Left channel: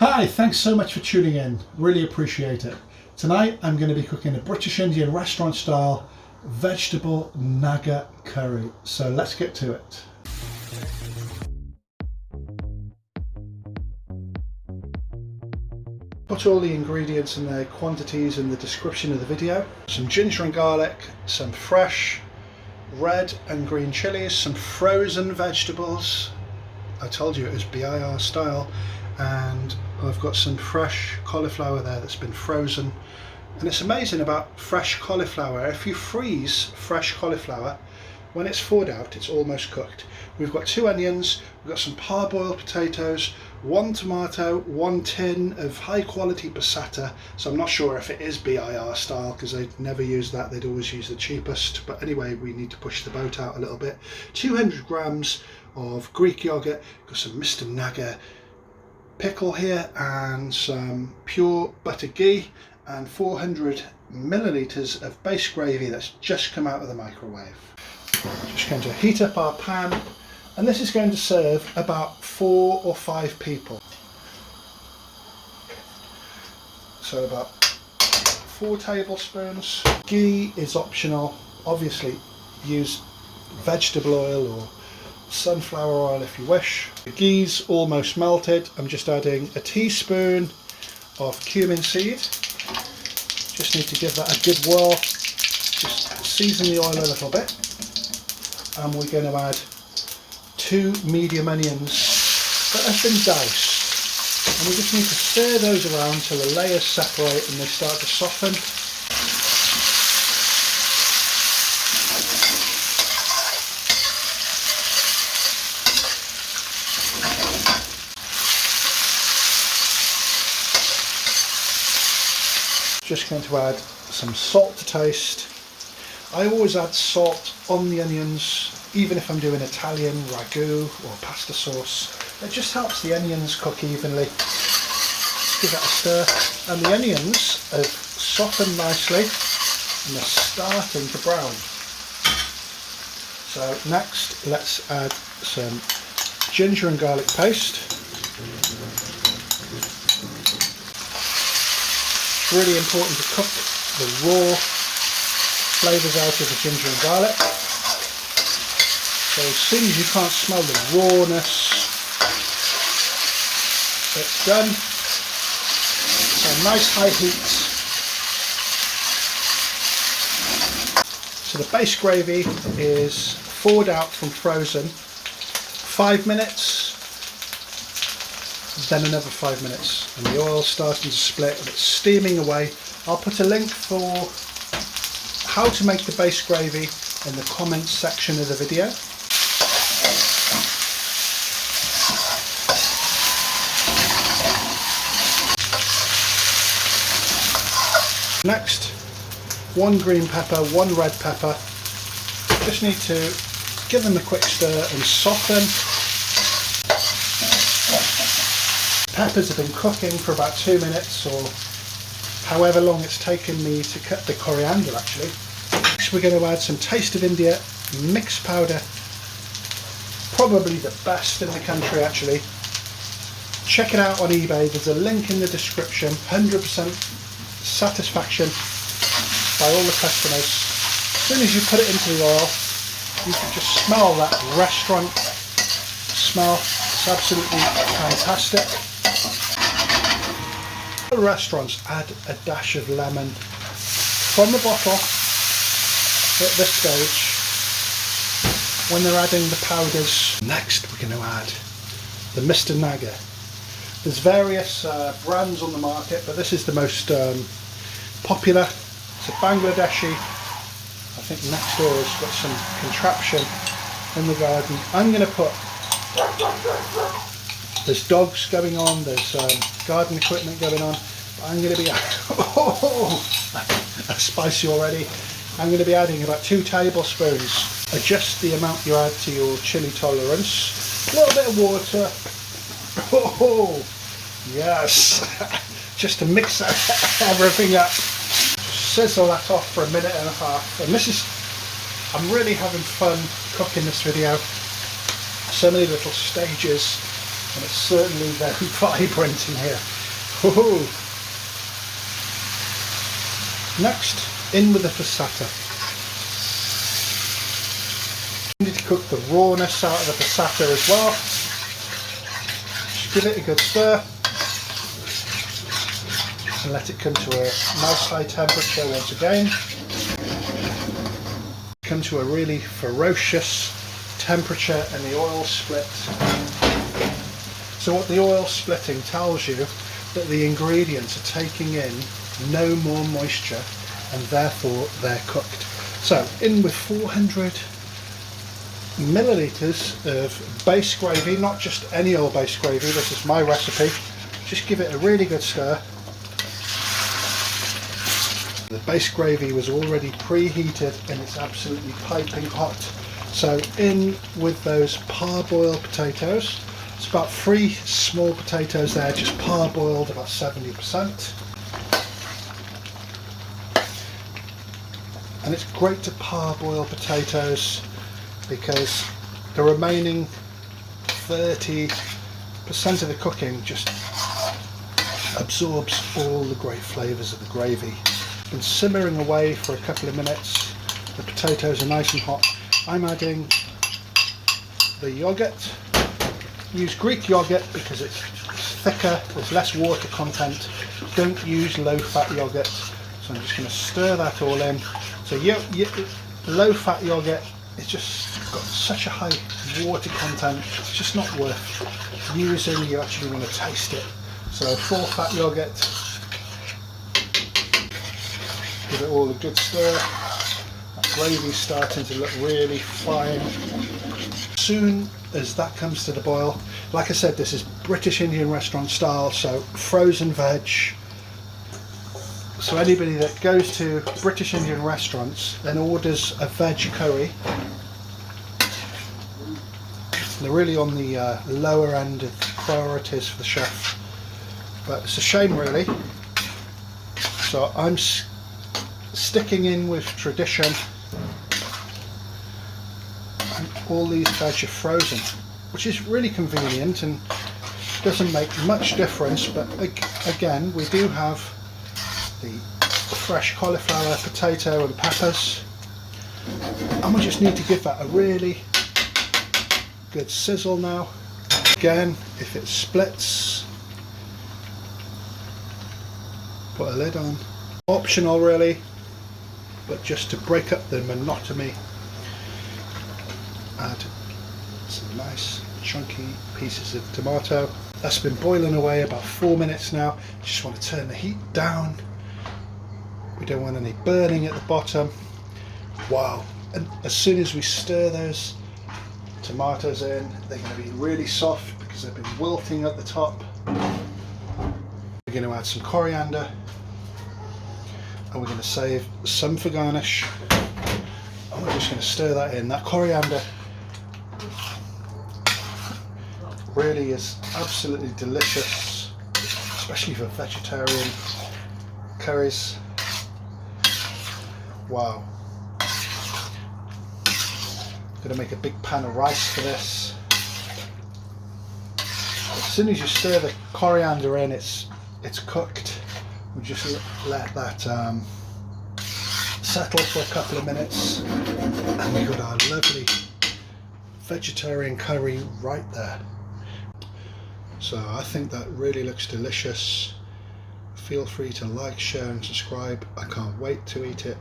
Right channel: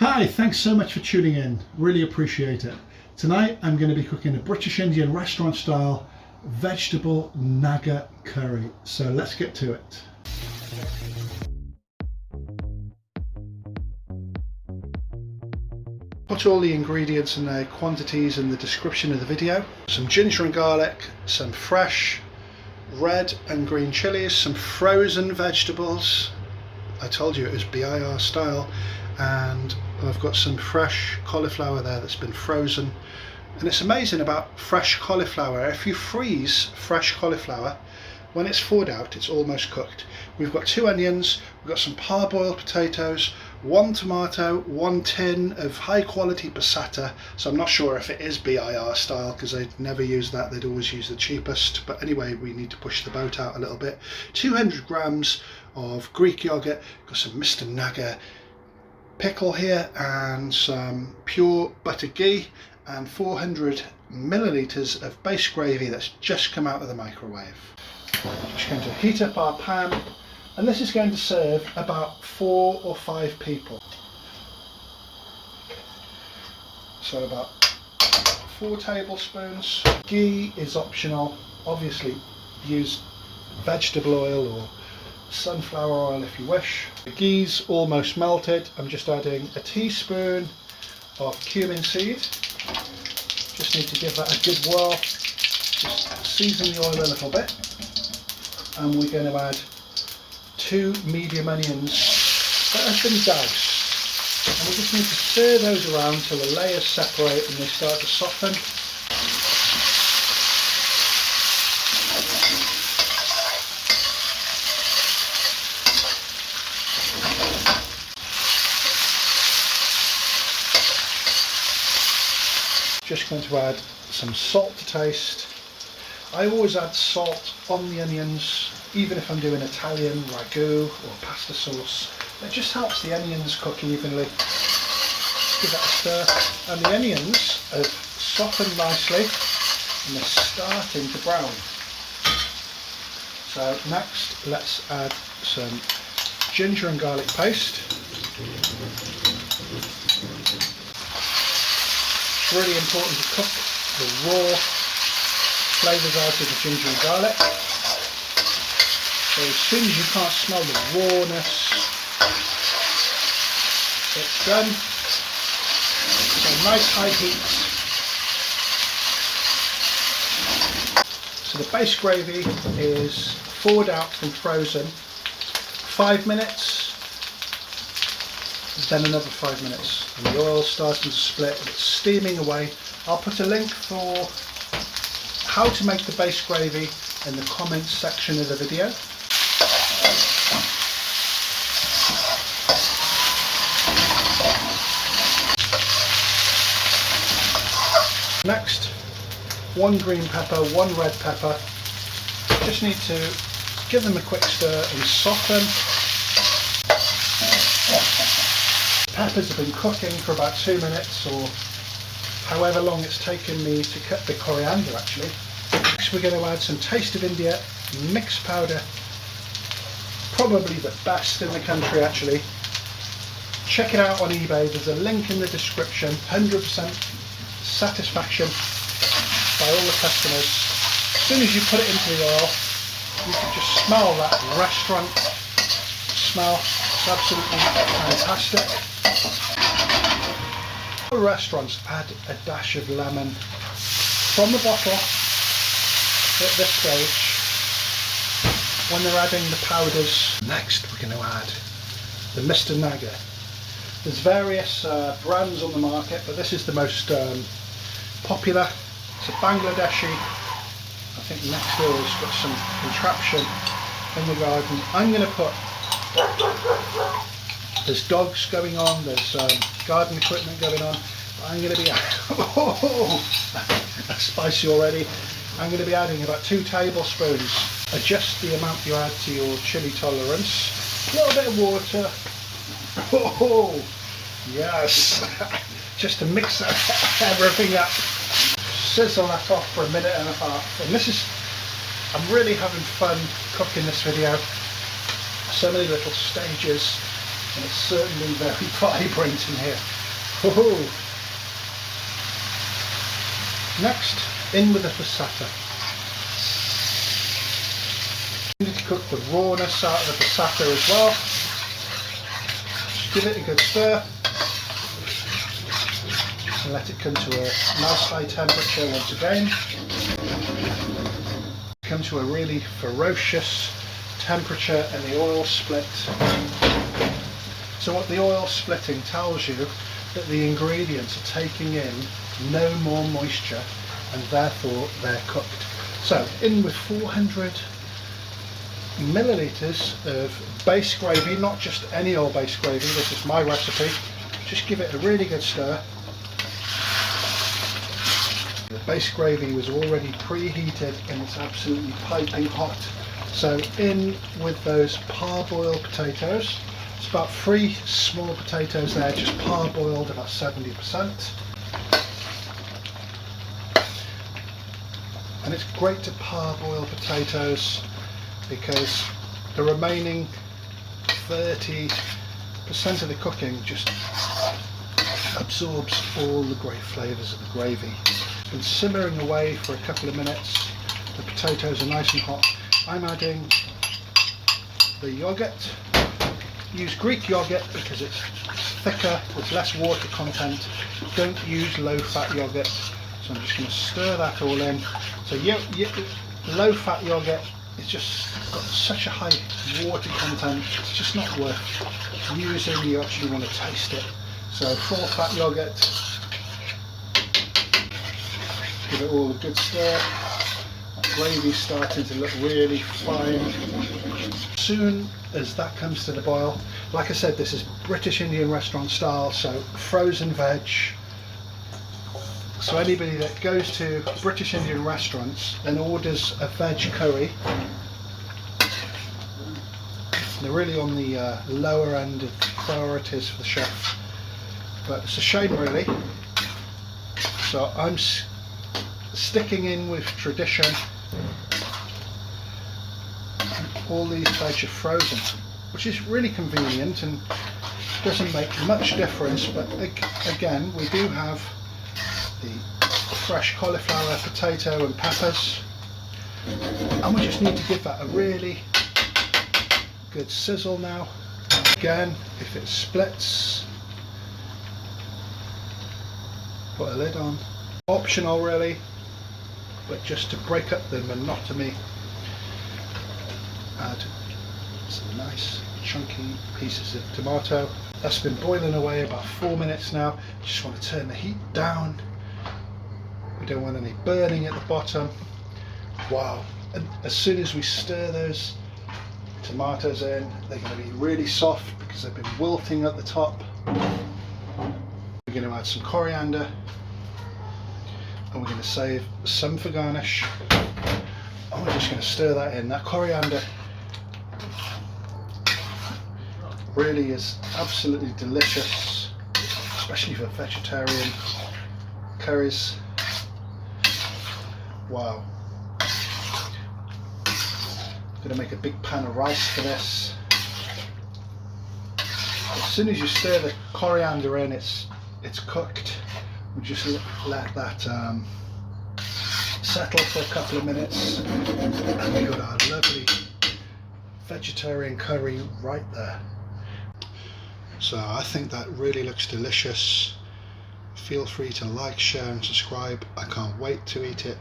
Hi, thanks so much for tuning in. Really appreciate it. Tonight I'm going to be cooking a British Indian restaurant style vegetable Naga curry. So let's get to it. Put all the ingredients and their quantities in the description of the video. Some ginger and garlic, some fresh red and green chilies, some frozen vegetables. I told you it was BIR style, and I've got some fresh cauliflower there that's been frozen. And it's amazing about fresh cauliflower. If you freeze fresh cauliflower, when it's thawed out, it's almost cooked. We've got 2 onions, we've got some parboiled potatoes, 1 tomato, 1 tin of high quality passata. So I'm not sure if it is BIR style because they'd never use that, they'd always use the cheapest. But anyway, we need to push the boat out a little bit. 200 grams of Greek yogurt, got some Mr. Naga pickle here, and some pure butter ghee, and 400 millilitres of base gravy that's just come out of the microwave. Just going to heat up our pan, and this is going to serve about 4 or 5 people. So about 4 tablespoons. Ghee is optional. Obviously use vegetable oil or sunflower oil if you wish. The ghee's almost melted. I'm just adding a teaspoon of cumin seed. Just need to give that a good whirl. Just season the oil a little bit. And we're going to add 2 medium onions that have been doused. And we just need to stir those around till the layers separate and they start to soften. Just going to add some salt to taste. I always add salt on the onions, even if I'm doing Italian ragu or pasta sauce. It just helps the onions cook evenly. Give that a stir. And the onions have softened nicely and they're starting to brown. So next, let's add some ginger and garlic paste. It's really important to cook the raw flavours out of the ginger and garlic. So as soon as you can't smell the rawness, it's done. So nice high heat. So the base gravy is thawed out from frozen. 5 minutes. Then another 5 minutes, and the oil's starting to split and it's steaming away. I'll put a link for how to make the base gravy in the comments section of the video. Next, 1 green pepper, 1 red pepper. Just need to give them a quick stir and soften. Peppers have been cooking for about 2 minutes, or however long it's taken me to cut the coriander actually. Next we're going to add some Taste of India mixed powder, probably the best in the country actually. Check it out on eBay, there's a link in the description. 100% satisfaction by all the customers. As soon as you put it into the oil, you can just smell that restaurant smell. It's absolutely fantastic. Restaurants add a dash of lemon from the bottle at this stage when they're adding the powders. Next we're going to add the Mr. Naga. There's various brands on the market, but this is the most popular. It's a Bangladeshi. I think next door has got some contraption in the garden. I'm going to put, there's dogs going on, there's garden equipment going on. I'm going to be, that's spicy already. I'm going to be adding about 2 tablespoons. Adjust the amount you add to your chili tolerance. A little bit of water. Oh, yes. Just to mix everything up. Sizzle that off for 1.5 minutes. And this is, I'm really having fun cooking this video. So many little stages And it's certainly very vibrant in here. Woohoo! Next, in with the passata. You need to cook the rawness out of the passata as well. Just give it a good stir and let it come to a nice high temperature once again. Come to a really ferocious temperature and the oil split. So what the oil splitting tells you that the ingredients are taking in no more moisture and therefore they're cooked. So in with 400 millilitres of base gravy, not just any old base gravy, this is my recipe. Just give it a really good stir. The base gravy was already preheated and it's absolutely piping hot. So in with those parboiled potatoes. It's about 3 small potatoes there, just parboiled about 70%. And it's great to parboil potatoes because the remaining 30% of the cooking just absorbs all the great flavours of the gravy. It's been simmering away for a couple of minutes. The potatoes are nice and hot. I'm adding the yoghurt. Use Greek yoghurt because it's thicker, there's less water content. Don't use low-fat yoghurt. So I'm just going to stir that all in. So low-fat yoghurt, it's just got such a high water content, it's just not worth using. You actually want to taste it. So full-fat yoghurt. Give it all a good stir. That gravy's starting to look really fine. As soon as that comes to the boil, like I said, this is British Indian restaurant style, so frozen veg. So anybody that goes to British Indian restaurants and orders a veg curry, they're really on the lower end of priorities for the chef. But it's a shame really. So I'm sticking in with tradition. All these veg are frozen, which is really convenient and doesn't make much difference, but again we do have the fresh cauliflower, potato and peppers, and we just need to give that a really good sizzle now. Again, if it splits, put a lid on. Optional really, but just to break up the monotony, add some nice chunky pieces of tomato. That's been boiling away about 4 minutes now. Just want to turn the heat down. We don't want any burning at the bottom. Wow. And as soon as we stir those tomatoes in, they're going to be really soft because they've been wilting at the top. We're going to add some coriander and we're going to save some for garnish. And we're just going to stir that in. That coriander really is absolutely delicious, especially for vegetarian curries. Wow. I'm going to make a big pan of rice for this. As soon as you stir the coriander in, it's cooked. We just let that settle for a couple of minutes, and we've got our lovely vegetarian curry right there. So I think that really looks delicious. Feel free to like, share and subscribe. I can't wait to eat it.